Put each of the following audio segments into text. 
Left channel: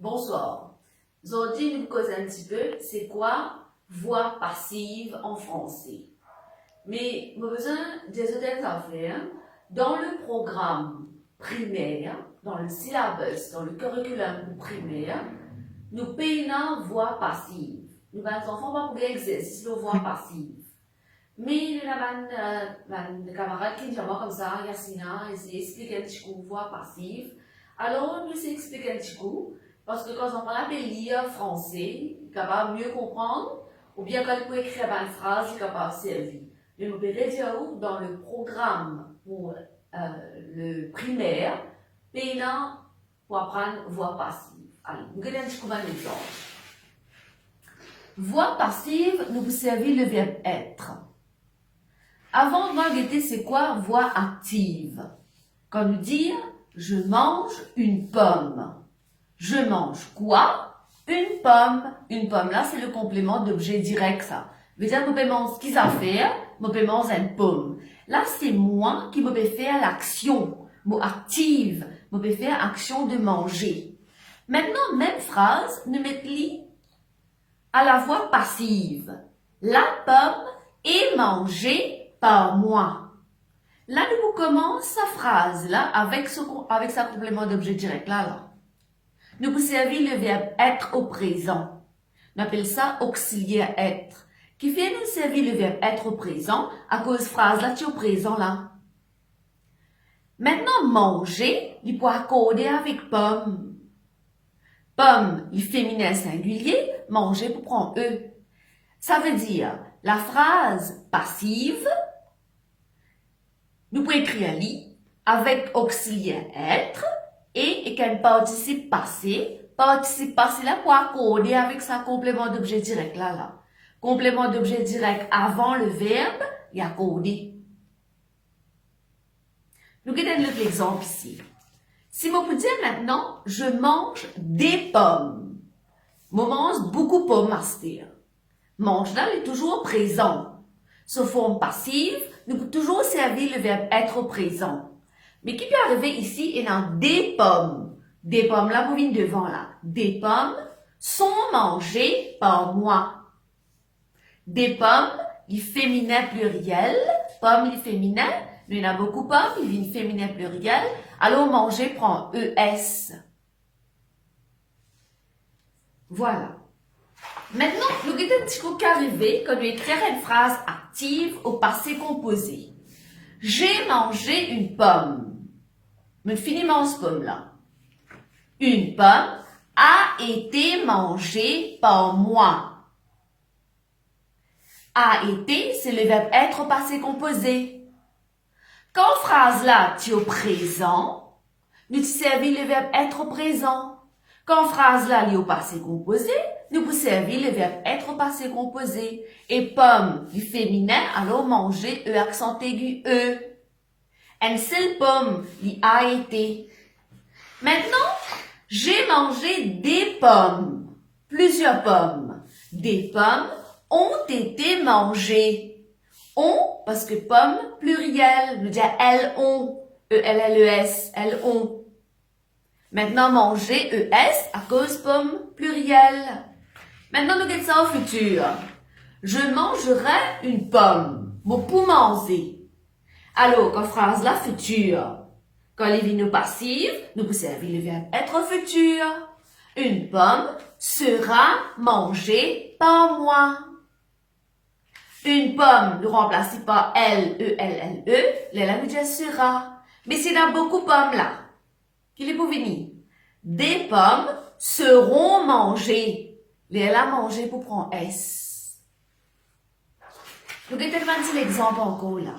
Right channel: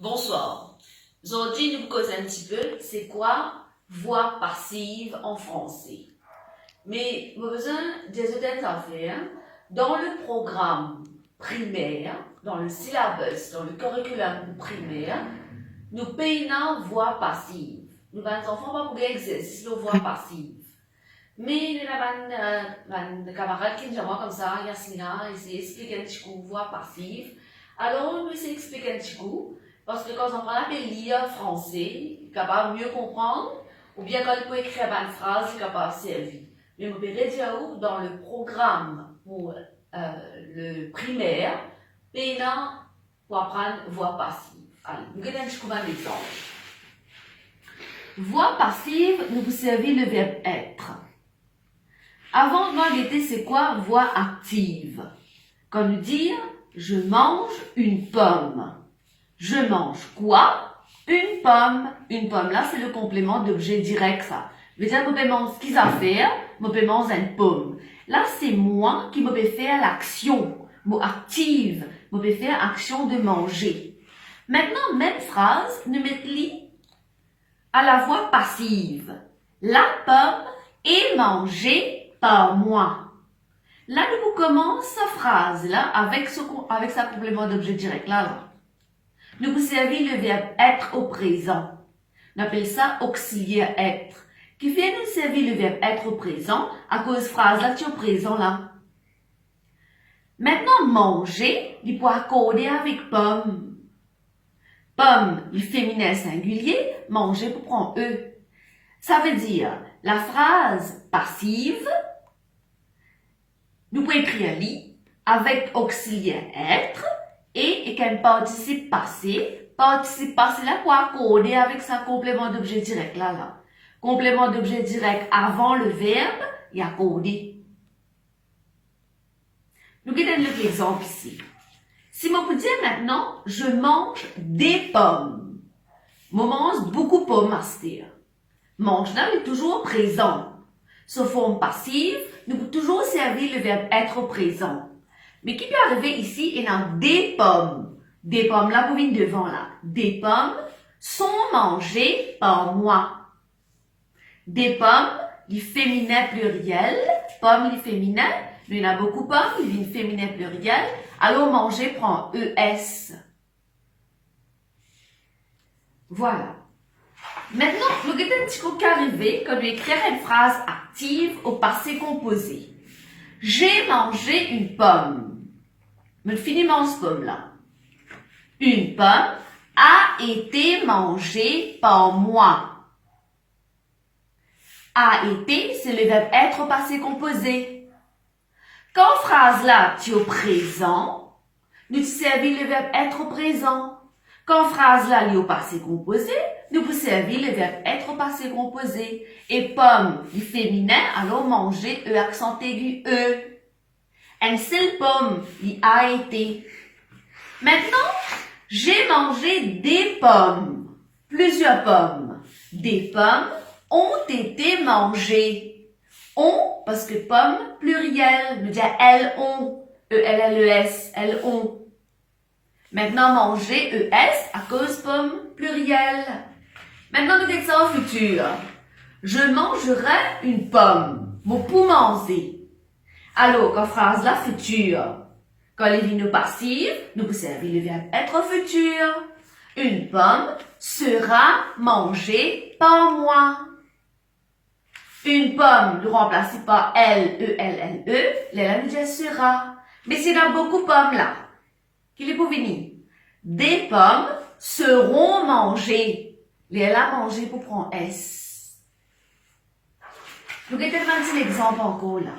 Bonsoir. Aujourd'hui, nous causons un petit peu, c'est quoi voix passive en français. Mais nous avons besoin des autres affaires dans le programme primaire, dans le syllabus, dans le curriculum primaire, nous payons voix passive. Nous avons des enfants pas pour l'exercice de voix passive. Mais nous avons des camarades qui nous comme ça, Yasmina, et expliquer un petit coup voix passive. Alors, nous expliquer un petit coup. Parce que quand on parle de lire français, il est capable de mieux comprendre, ou bien quand il peut écrire une phrase, il est capable de servir. Mais vous pouvez dire dans le programme pour le primaire, pénant pour apprendre voix passive. Allez, nous allons un exemple. Voix passive, nous vous servez le verbe être. Avant de m'enguetter, c'est quoi voix active? Quand nous dire je mange une pomme. Je mange quoi? Une pomme. Une pomme, là, c'est le complément d'objet direct, ça. Je veux dire, je mange ce qu'ils ont fait, je mange une pomme. Là, c'est moi qui me fais faire l'action, mot active, me fais faire action de manger. Maintenant, même phrase, nous mettons à la voix passive. La pomme est mangée par moi. Là, nous commençons sa phrase, là, avec sa complément d'objet direct, là. Nous vous servir le verbe être au présent. On appelle ça auxiliaire être. Qui fait nous servir le verbe être au présent à cause de phrase là, tu es au présent là. Maintenant, manger, il peut accorder avec pomme. Pomme, le féminin singulier, manger pour prendre E. Ça veut dire, la phrase passive, nous pouvons écrire li avec auxiliaire être, et qu'un participe passé là pour accorder avec sa complément d'objet direct là. Complément d'objet direct avant le verbe, il y a accordé. Nous regardons l'exemple ici. Si je vous dis maintenant, je mange des pommes. Je mange beaucoup de pommes à se dire. Mange là est toujours présent. Sous forme passive, nous pouvons toujours servir le verbe être au présent. Mais qui peut arriver ici, il y a des pommes. Des pommes, là, vous venez devant, là. Des pommes sont mangées par moi. Des pommes, il féminin pluriel. Pommes, il féminin. Il y en a beaucoup de pommes, il féminin pluriel. Alors, manger prend ES. Voilà. Maintenant, nous regardons un petit coup qui arrive quand nous écrire une phrase active au passé composé. J'ai mangé une pomme. Mais finiment ce pomme là. Une pomme a été mangée par moi. A été, c'est le verbe être au passé composé. Quand phrase là, tu es au présent, nous servons le verbe être au présent. Quand phrase là, il est au passé composé, nous vous servons le verbe être au passé composé. Et pomme, du féminin, alors manger, E accent aigu, E. Une seule pomme, il a été. Maintenant, j'ai mangé des pommes. Plusieurs pommes. Des pommes ont été mangées. Ont, parce que pommes, pluriel. Nous dire elles ont. E-L-L-E-S, elles ont. Maintenant, manger, E-S, à cause pomme, pluriel. Maintenant, nous disons ça au futur. Je mangerai une pomme. Bon, pour manger. Alors, quand phrase là, futur. Quand les vignes passives, nous pouvons servir le verbe être au futur. Une pomme sera mangée par moi. Une pomme, nous remplacer par L-E-L-L-E, là, nous disons sera. Mais s'il y a beaucoup de pommes là, qu'il est pour venir. Des pommes seront mangées. Les là, manger pour prendre S. Nous regardons l'exemple encore là.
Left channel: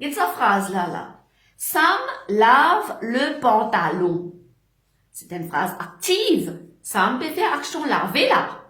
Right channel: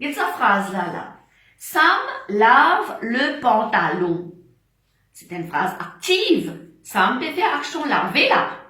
Il y a cette phrase-là. Sam lave le pantalon. C'est une phrase active. Sam peut faire action laver là.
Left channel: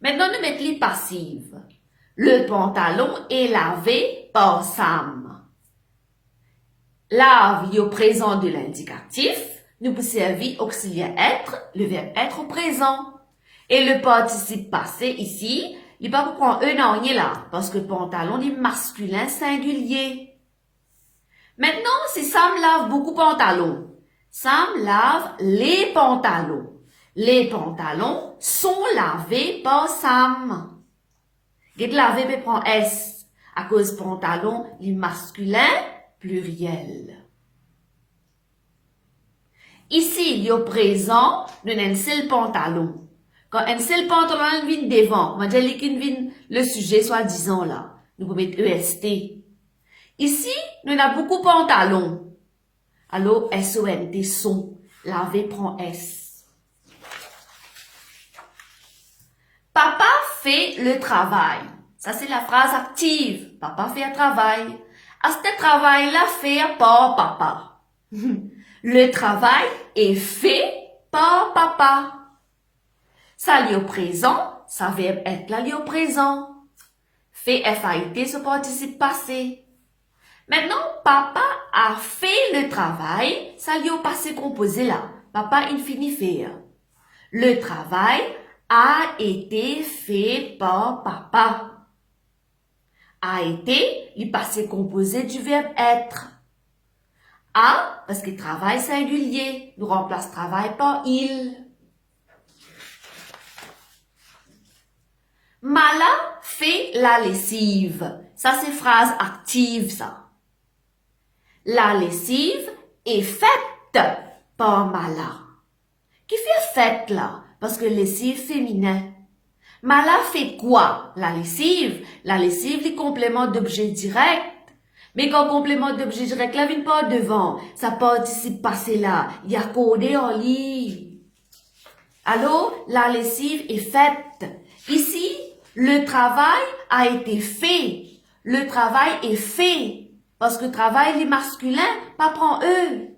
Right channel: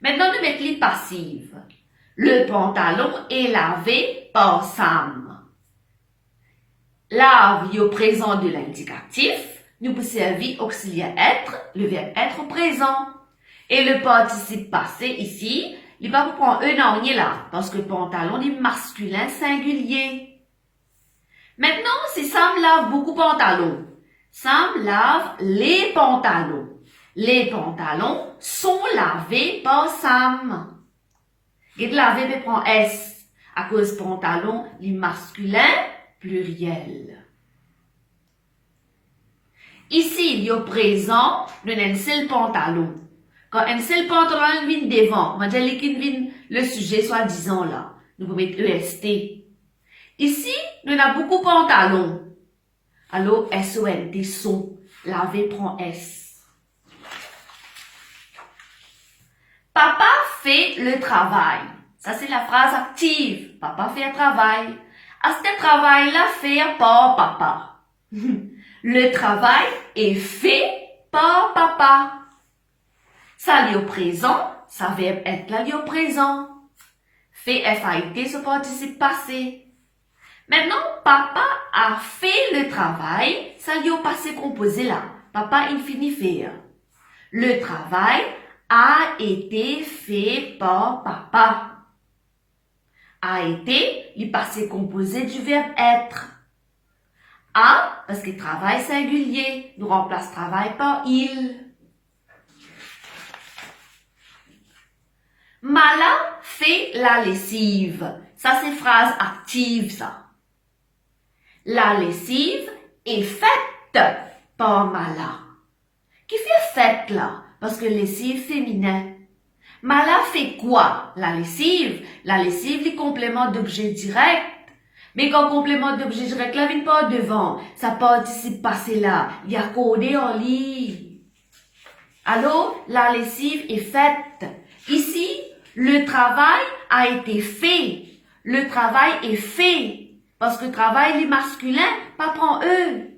Maintenant, nous mettons les passives. Le pantalon est lavé par Sam. Lave est au présent de l'indicatif. Nous pouvons servir auxiliaire être, le verbe être au présent. Et le participe passé ici, il va vous prendre un an là, parce que pantalon est masculin singulier. Maintenant, si Sam lave beaucoup de pantalons, Sam lave les pantalons. Les pantalons sont lavés par Sam. Get lavé peut prendre S. À cause pantalon, les masculins, pluriel. Ici, il y a présent, nous avons un seul pantalon. Quand un seul pantalon vient devant, on va dire qu'il vient le sujet, soi-disant là. Nous pouvons mettre EST. Ici, nous avons beaucoup de pantalons. Alors, SONT, son. Laver prend S. Papa fait le travail. Ça, c'est la phrase active. Papa fait un travail. À ce travail-là, fait par papa. Le travail est fait par papa. Ça lié au présent, ça verbe être là lié au présent. Fait FAIT, ce participe passé. Maintenant, papa a fait le travail, ça lié au passé composé là. Papa infini faire. Le travail a été fait par papa. A été, le passé composé du verbe être. A, parce que travail singulier, nous remplace travail par il. Mala fait la lessive. Ça, c'est phrase active, ça. La lessive est faite par Mala. Qui fait faite, là? Parce que lessive féminin. Mala fait quoi? La lessive. La lessive, les compléments d'objet direct. Mais quand complément d'objet direct, là, vient pas devant. Ça participe passé là. Il y a codé en ligne. Alors, la lessive est faite. Ici, le travail a été fait. Le travail est fait. Parce que travail, les masculins, pas prend eux.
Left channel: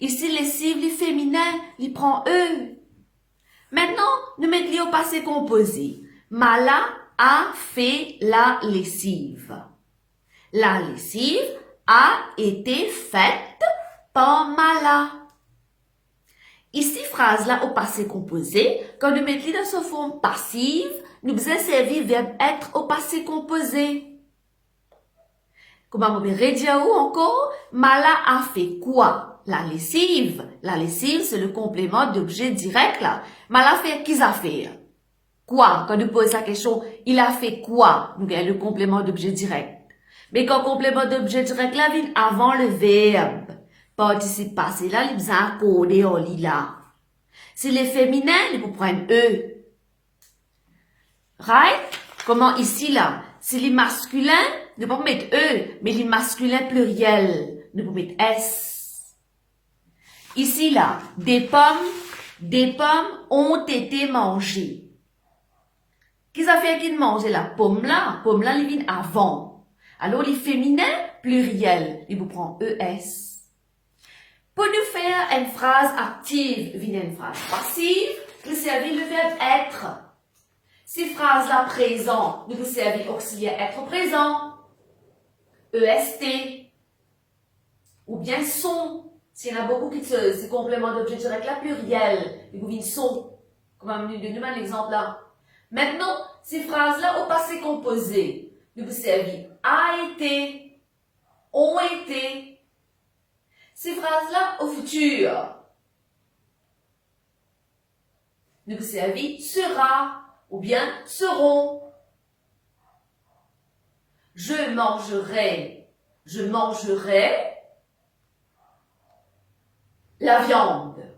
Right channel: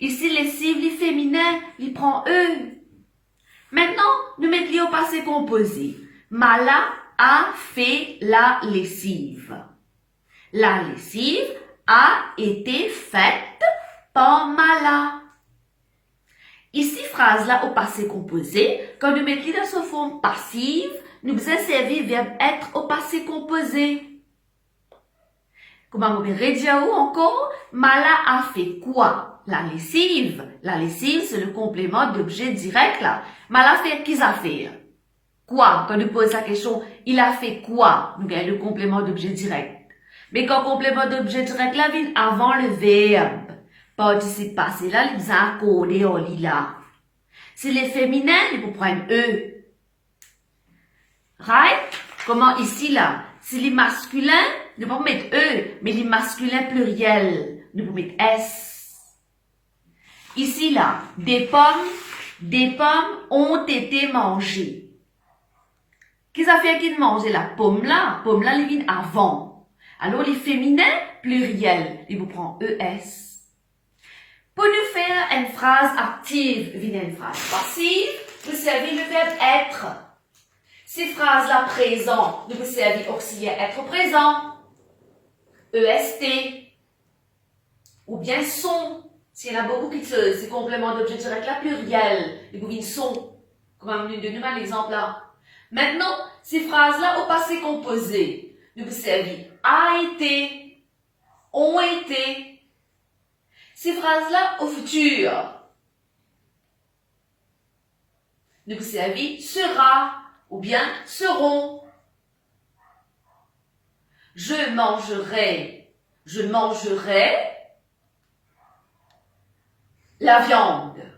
Ici, lessive, les féminins, ils prend eux. Maintenant, nous mettons au passé composé. Mala a fait la lessive. La lessive a été faite par Mala. Ici, phrase-là au passé composé, quand nous mettons dans sa forme passive, nous faisons servir verbe être au passé composé. Comment on peut redire encore? Mala a fait quoi? La lessive. La lessive, c'est le complément d'objet direct là. Mala fait qu'est-ce a fait? Quoi? Quand nous posons la question, il a fait quoi? Nous gagnons le complément d'objet direct. Mais quand complément d'objet direct là vient avant le verbe, participe passé là, il vient accorder en lila. Si les féminins, ils vous prennent eux. Right? Comment ici là? Si les masculins, nous pouvons mettre eux, mais les masculins pluriels, nous pouvons mettre S. Ici là, des pommes ont été mangées. Qu'est-ce que ça fait qu'ils mangent la pomme là, ils viennent avant. Alors, les féminins, pluriels, ils vous prennent ES. Pour nous faire une phrase active, une phrase passive, nous servons le verbe être. Ces phrases-là présent, nous vous servons auxiliaire être présent, EST, ou bien sont. S'il y en a beaucoup qui se, ces compléments d'objet direct là, pluriel, ils vous viennent sont. Comme nous donnons l'exemple là. Maintenant, ces phrases-là au passé composé, nous vous servons a été, ont été. Ces phrases-là au futur, nous vous servons sera ou bien seront. Je mangerai la viande.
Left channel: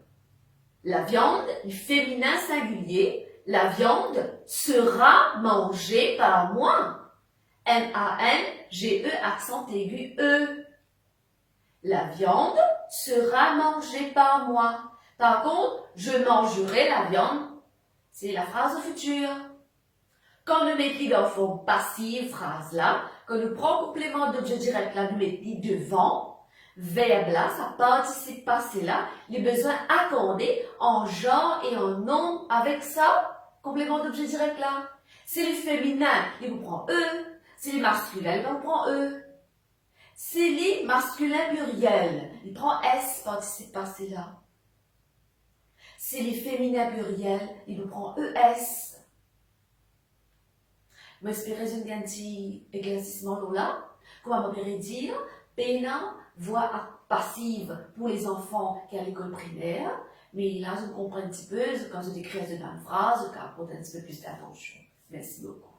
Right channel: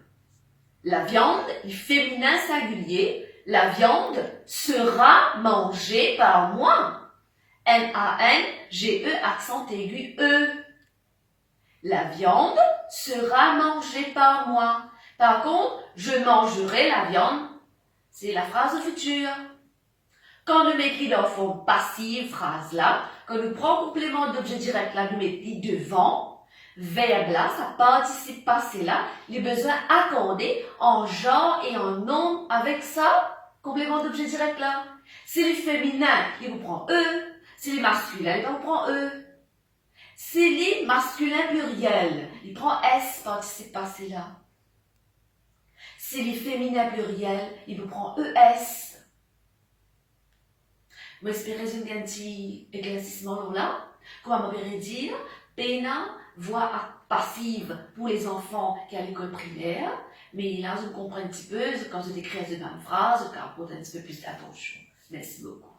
La viande est féminin singulier. La viande sera mangée par moi. N-A-N-G-E, accent aigu, E. La viande sera mangée par moi. Par contre, je mangerai la viande, c'est la phrase future. Quand nous mettons dans forme passive, phrase là, quand nous prenons complément d'objet direct là, nous mettons devant, verbe là, ça participe passé là, les besoins accordés en genre et en nom avec ça, complément d'objet direct là. C'est les féminins, il vous prend E. C'est les masculins, il vous prend E. C'est les masculins pluriels, il prend S, participe passé là. C'est les féminins pluriels, il vous prend ES. Moi, j'espère un petit éclaircissement là. Comment on pourrait dire? Pena, voix passive pour les enfants qui à l'école primaire. Mais là, je comprends un petit peu, quand je décris une même phrase, je porte un petit peu plus d'attention. Merci beaucoup.